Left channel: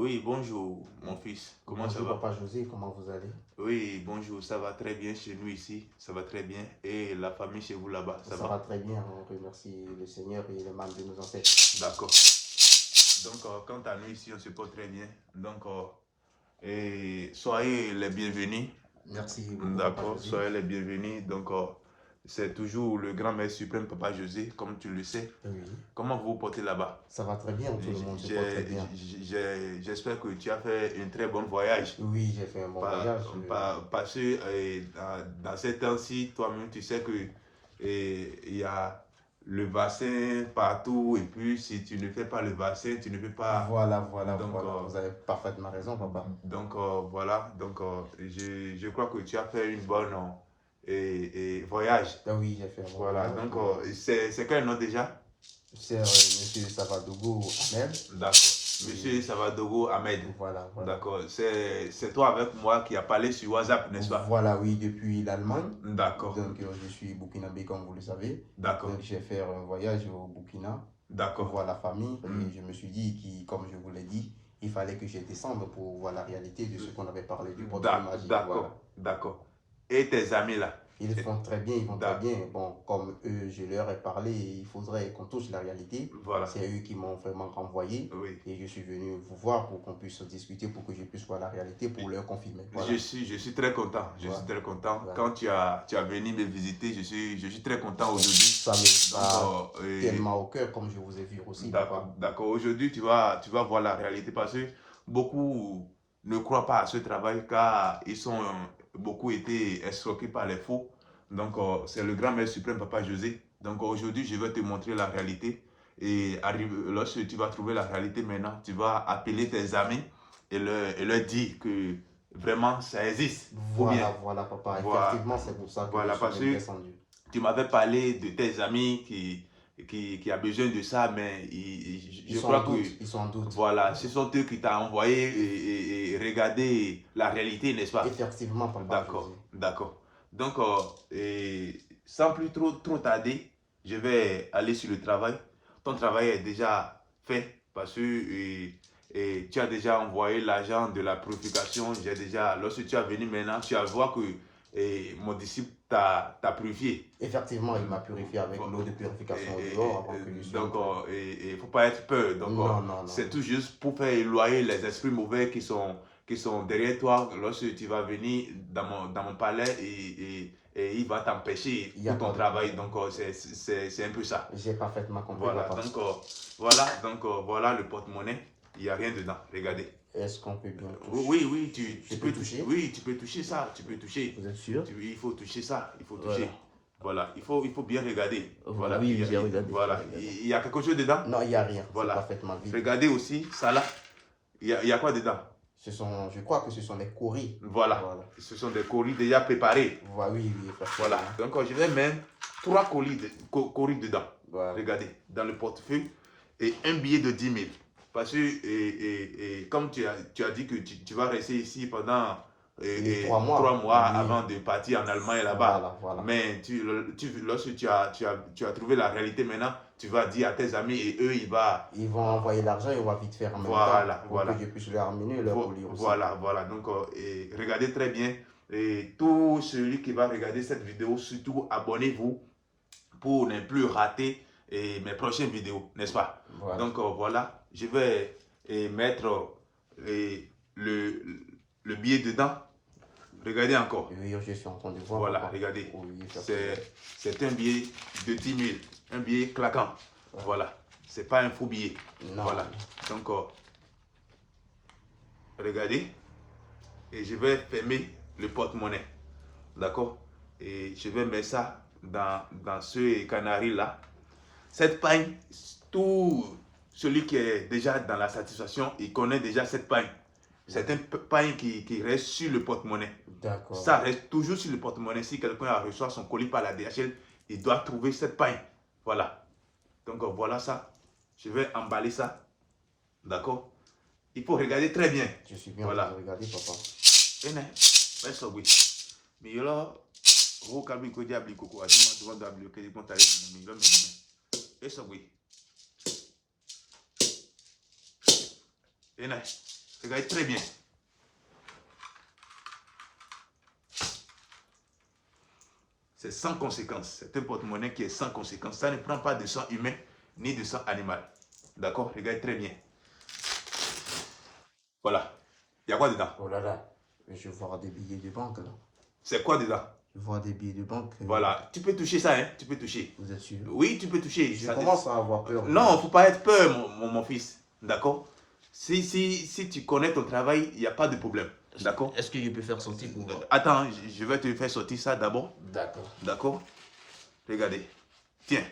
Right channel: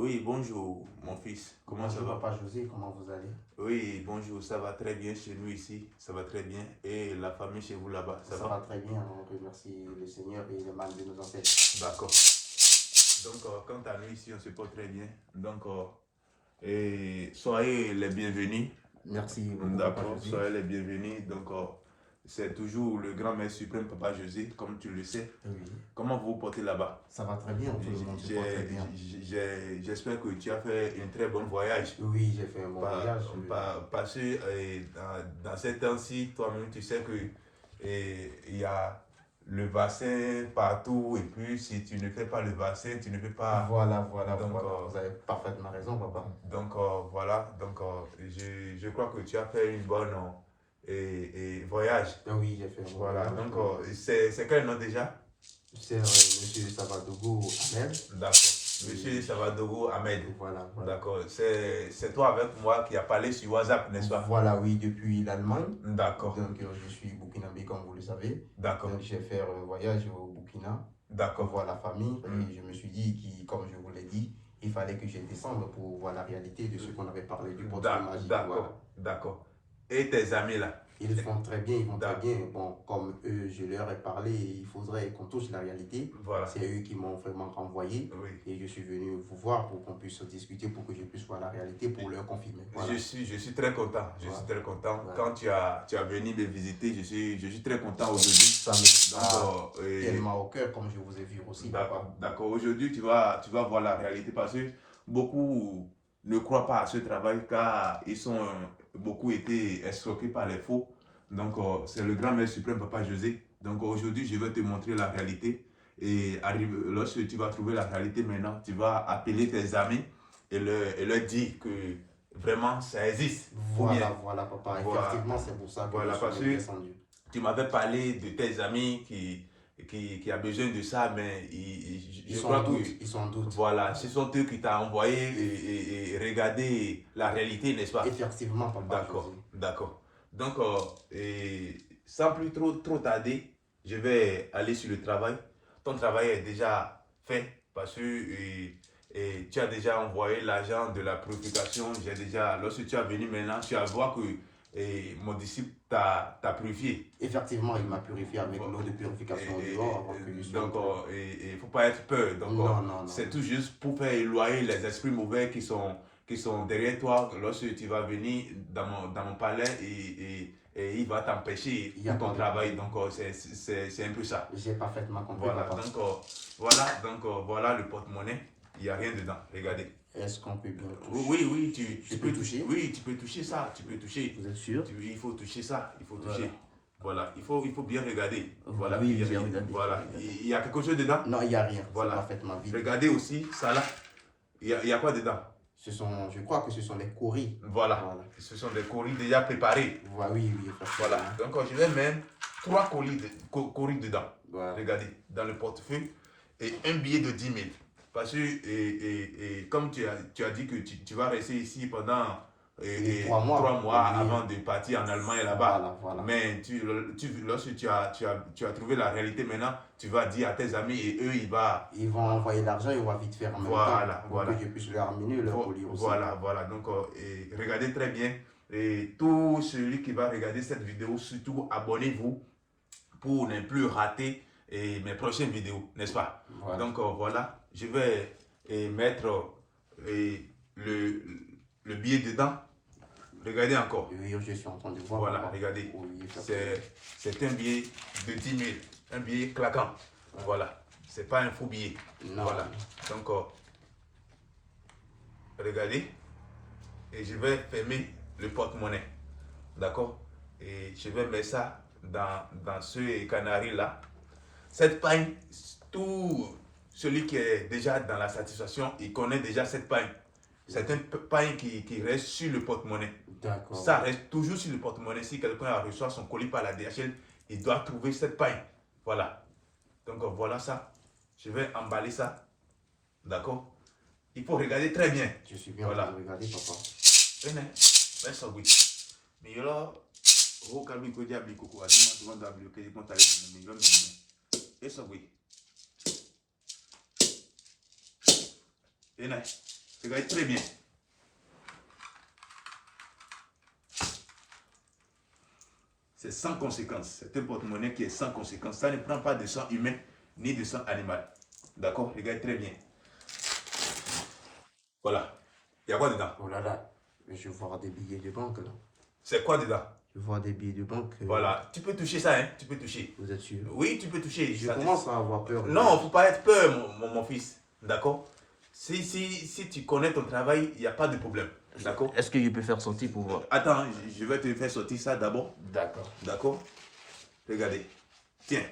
Oui, bonjour, mon fils. Comment ça Bonjour va? Papa José, comment vous allez? Oui, bonjour, ça va très bien chez nous ici. Ça va très bien. Et la famille chez vous là-bas, ça Ça va va? très bien, on remercie le Seigneur et les membres de nos ancêtres. D'accord. Donc, quant à nous ici, on se porte très bien. Donc, et soyez les bienvenus. Merci beaucoup Papa D'accord, José. soyez les bienvenus. Donc, c'est toujours le grand maître suprême, Papa José, comme tu le sais. Oui, Comment vous vous portez là-bas? ça va très bien, tout le monde se porte très bien. J'espère que tu as fait un très bon voyage. Oui, j'ai fait un bon voyage. Parce que dans ces temps-ci, toi-même, tu sais que il y a le vaccin partout. Et puis, si tu ne fais pas le vaccin, tu ne peux pas. Voilà, Donc, vous avez parfaitement raison Papa. donc voilà. Donc, je crois que tu as fait une bonne voyage. Ah oui, j'ai fait un bon Voilà. voyage. Donc, c'est quel nom déjà? C'est Monsieur Savadogo Ahmed. D'accord. Monsieur Savadogo Ahmed. Voilà. D'accord. C'est toi avec moi qui a parlé sur WhatsApp, n'est-ce pas? Voilà, oui, depuis l'Allemagne. D'accord. Donc, je suis burkinabé, comme vous le savez. D'accord. Donc, j'ai fait un voyage au Burkina pour D'accord. voir la famille. Et je me suis dit, comme je vous l'ai dit, il fallait que je descende pour voir la réalité de ce qu'on avait parlé du portrait magique. D'accord. Voilà. D'accord. Et tes amis là? Ils font très bien, ils vont très D'accord. bien. Bon, comme eux, je leur ai parlé, il faudrait qu'on touche la réalité. Voilà. C'est eux qui m'ont vraiment renvoyé. Oui. Et je suis venu vous voir pour qu'on puisse discuter, pour que je puisse voir la réalité, pour leur confirmer. Voilà. Je suis très content. Je suis très content. Voilà. Quand tu as venu me visiter, je suis très content aujourd'hui. Ça me va tellement au cœur, comme je vous ai vu aussi. D'accord. Aujourd'hui, tu vas voir la réalité parce que beaucoup ne croient pas à ce travail car beaucoup été escroqués par les faux. Donc, c'est le grand maître suprême, Papa José. Donc, aujourd'hui, je vais te montrer la réalité. Et lorsque tu vas trouver la réalité maintenant, tu vas appeler tes amis et leur dire que vraiment ça existe. Voilà, papa. Effectivement, c'est pour ça que je suis descendu. Tu m'avais parlé de tes amis qui a besoin de ça, mais je crois que ils sont en doute. Voilà, ce sont eux qui t'ont envoyé et regarder la réalité, n'est-ce pas? Effectivement, papa. D'accord. Donc, sans plus trop tarder, je vais aller sur le travail. Ton travail est déjà fait parce que tu as déjà envoyé l'argent de la purification. Lorsque tu es venu maintenant, tu vas voir que mon disciple t'a purifié. Effectivement, il m'a purifié avec l'eau de purification dehors. Donc, il ne faut pas être peur. Donc, non. C'est tout juste pour faire éloigner les esprits mauvais qui sont derrière toi lorsque tu vas venir dans mon palais et il va t'empêcher pour ton travail. Donc, c'est un peu ça. J'ai parfaitement compris. Donc, voilà le porte-monnaie. Il n'y a rien dedans. Regardez. Est-ce qu'on peut bien toucher? Oui, tu peux toucher. Oui, tu peux toucher ça. Tu peux toucher. Vous êtes sûr? Il faut toucher ça. Il faut toucher. Voilà, il faut bien regarder. Voilà, oui, j'ai regardé. Voilà, il y a quelque chose dedans? Non, il n'y a rien. Voilà. C'est parfaitement vide. Regardez aussi, ça là. Il y a quoi dedans? Je crois que ce sont des coris. Voilà. Ce sont des coris déjà préparés. Oui. Voilà. Donc, je vais mettre 3 coris dedans. Voilà. Regardez, dans le portefeuille. Et un billet de 10 000. Parce que, comme tu as dit que tu vas rester ici pendant 3 mois avant de partir en Allemagne là-bas. Voilà. Mais lorsque tu as trouvé la réalité maintenant, tu vas dire à tes amis et eux, ils vont envoyer l'argent et on va vite faire en même temps pour que je puisse leur amener leur colis aussi. Voilà. Donc, regardez très bien. Et tout celui qui va regarder cette vidéo, surtout abonnez-vous pour ne plus rater mes prochaines vidéos, n'est-ce pas? Voilà. Donc, voilà, je vais mettre le billet dedans. Regardez encore. Oui, je suis en train de voir. Voilà, regardez. C'est un billet de 10 000. Un billet claquant. Voilà. C'est pas un faux billet. Non. Voilà. Donc, regardez. Et je vais fermer le porte-monnaie. D'accord? Et je vais mettre ça dans ce canari là. Cette paille, tout celui qui est déjà dans la satisfaction, il connaît déjà cette paille. C'est un paille qui reste sur le porte-monnaie. D'accord. Ça reste toujours sur le porte-monnaie. Si quelqu'un a reçu son colis par la DHL, il doit trouver cette paille. Voilà. Donc voilà ça. Je vais emballer ça. D'accord? Il faut regarder très bien. Je suis bien. Voilà. Regardez, papa. Mais alors, au calme, il diable, coco, adima, devant le que les comptes aller, mais il va me dire. Et ça, oui. Et là, Regardez très bien. C'est sans conséquence. C'est un porte-monnaie qui est sans conséquence. Ça ne prend pas de sang humain ni de sang animal. D'accord? Regardez très bien. Voilà. Il y a quoi dedans? Oh là là, je vois des billets de banque là. C'est quoi dedans? Je vois des billets de banque. Voilà. Tu peux toucher ça, hein? Tu peux toucher. Vous êtes sûr? Oui, tu peux toucher. Je Ça- commence à avoir peur. Non, il ne faut pas être peur, mon fils. D'accord? Si tu connais ton travail, il n'y a pas de problème. D'accord? Est-ce que je peux faire sortir pour voir? Attends, je vais te faire sortir ça d'abord. D'accord. D'accord? Regardez. Tiens,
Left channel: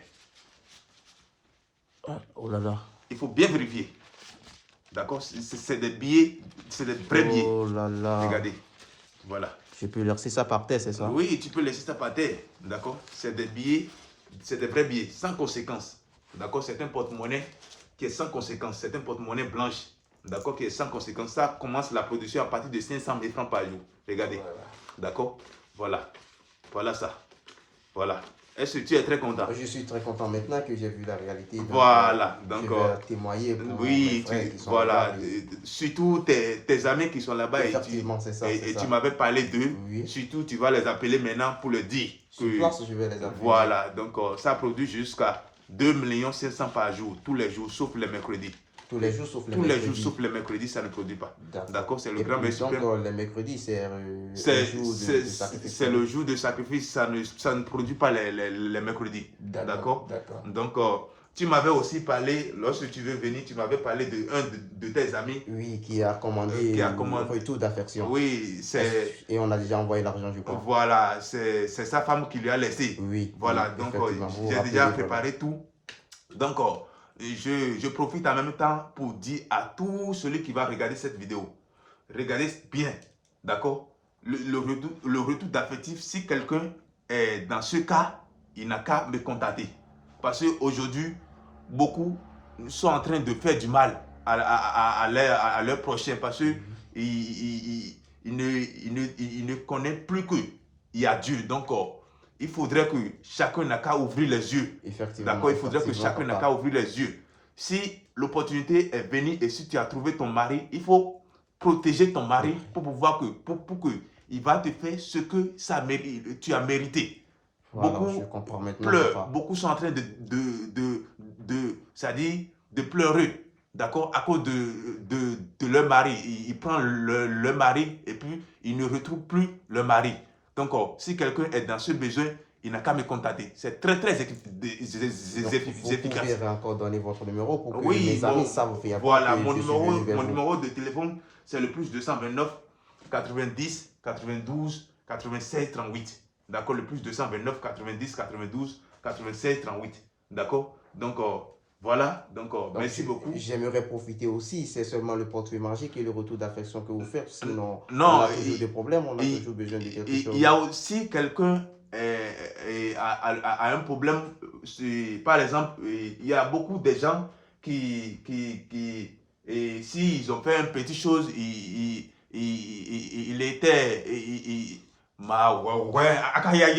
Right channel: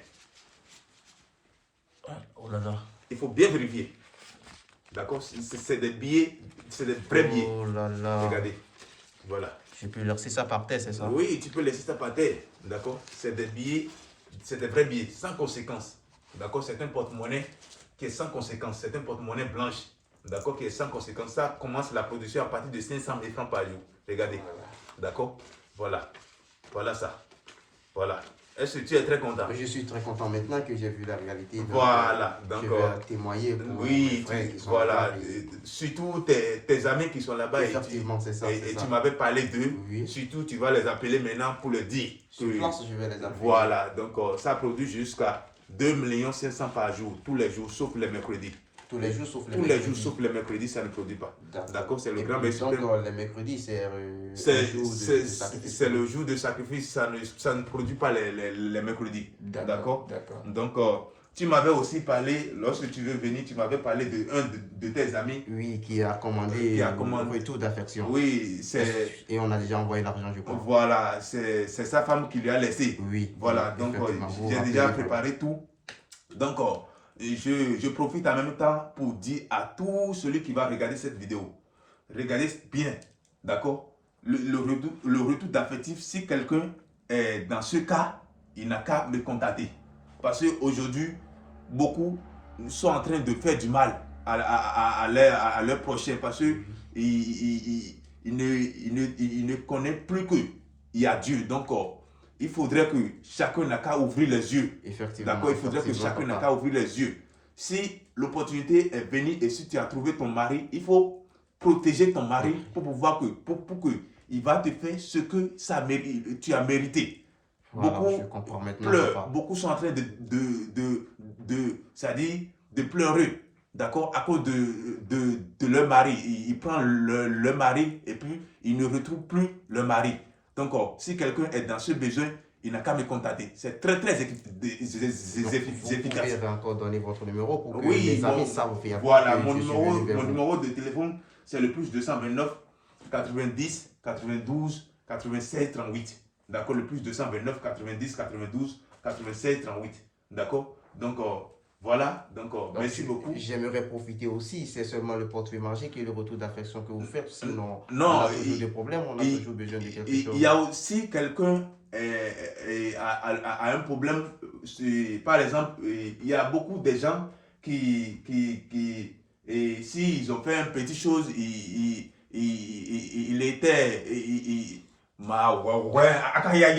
Oh là là. il faut bien vérifier. D'accord? C'est des billets, c'est des vrais billets. Oh là là. Regardez. Voilà. Je peux laisser ça par terre, c'est ça? Oui, tu peux laisser ça par terre. D'accord? C'est des billets, c'est des vrais billets, sans conséquence. D'accord? C'est un porte-monnaie qui est sans conséquence. C'est un porte-monnaie blanche. D'accord? Qui est sans conséquence. Ça commence la production à partir de 500 000 francs par jour. Regardez. D'accord? Voilà. Voilà ça. Voilà. Est-ce que tu es très content? Je suis très content maintenant que j'ai vu la réalité. Voilà. Donc, je vais témoigner pour oui, mes frères qui sont voilà. là-bas. Surtout tes amis qui sont là-bas et Effectivement, c'est ça. c'est ça. tu m'avais parlé d'eux. Oui. Surtout, tu vas les appeler maintenant pour le dire. Sur que- place, je vais les appeler. Voilà. Donc, ça produit jusqu'à 2 500 000 par jour, tous les jours, sauf les mercredis. Tous les jours, sauf les Tous les jours, mercredis. sauf les mercredis, ça ne produit pas. D'accord. D'accord? C'est le Et grand puis, maître donc, suprême. les mercredis, c'est C'est le jour de sacrifice. c'est le jour de sacrifice, ça ne produit pas les mercredis. D'accord? D'accord. Donc, tu m'avais aussi parlé, lorsque tu veux venir, tu m'avais parlé de un de tes amis. Oui, qui a commandé Qui a commandé. un retour d'affection. Oui, c'est Et on a déjà envoyé l'argent, je crois. voilà, c'est sa femme qui lui a laissé. Oui. Voilà, oui, donc effectivement, vous j'ai rappelez, déjà voilà. préparé tout. Donc, je profite en même temps pour dire à tout celui qui va regarder cette vidéo, regardez bien, d'accord? Le retour d'affectif, si quelqu'un est dans ce cas, il n'a qu'à me contacter. Parce qu'aujourd'hui, beaucoup sont en train de faire du mal à leur prochain parce qu'ils ne connaissent plus qu'il y a Dieu. Donc, il faudrait que chacun n'a qu'à ouvrir les yeux. Effectivement. D'accord, il faudrait que effectivement, chacun n'a papa. qu'à ouvrir les yeux. Si l'opportunité est venue et si tu as trouvé ton mari, il faut protéger ton mari pour pouvoir pour que il va te faire ce que tu as mérité. Voilà, Beaucoup je comprends maintenant, pleurent, papa. beaucoup sont en train c'est-à-dire de pleurer, d'accord, à cause de leur mari. Ils prennent leur mari et puis ils ne retrouvent plus leur mari. Donc, si quelqu'un est dans ce besoin, il n'a qu'à me contacter. C'est très, très Donc, vous efficace. pouvez encore donner votre numéro pour que Oui, les amis bon, savent faire. voilà, que mon je suis venu vers vous. numéro de téléphone, c'est le plus 229 90 92 96 38. D'accord, le plus 229 90 92 96 38. D'accord, donc voilà, donc merci beaucoup. J'aimerais profiter aussi, c'est seulement le portrait magique et le retour d'affection que vous faites. Sinon, Non, on a toujours des problèmes, on a toujours besoin de quelque chose. Il y a aussi quelqu'un a un problème. Par exemple, il y a beaucoup de gens et s'ils ont fait une petite chose, il était.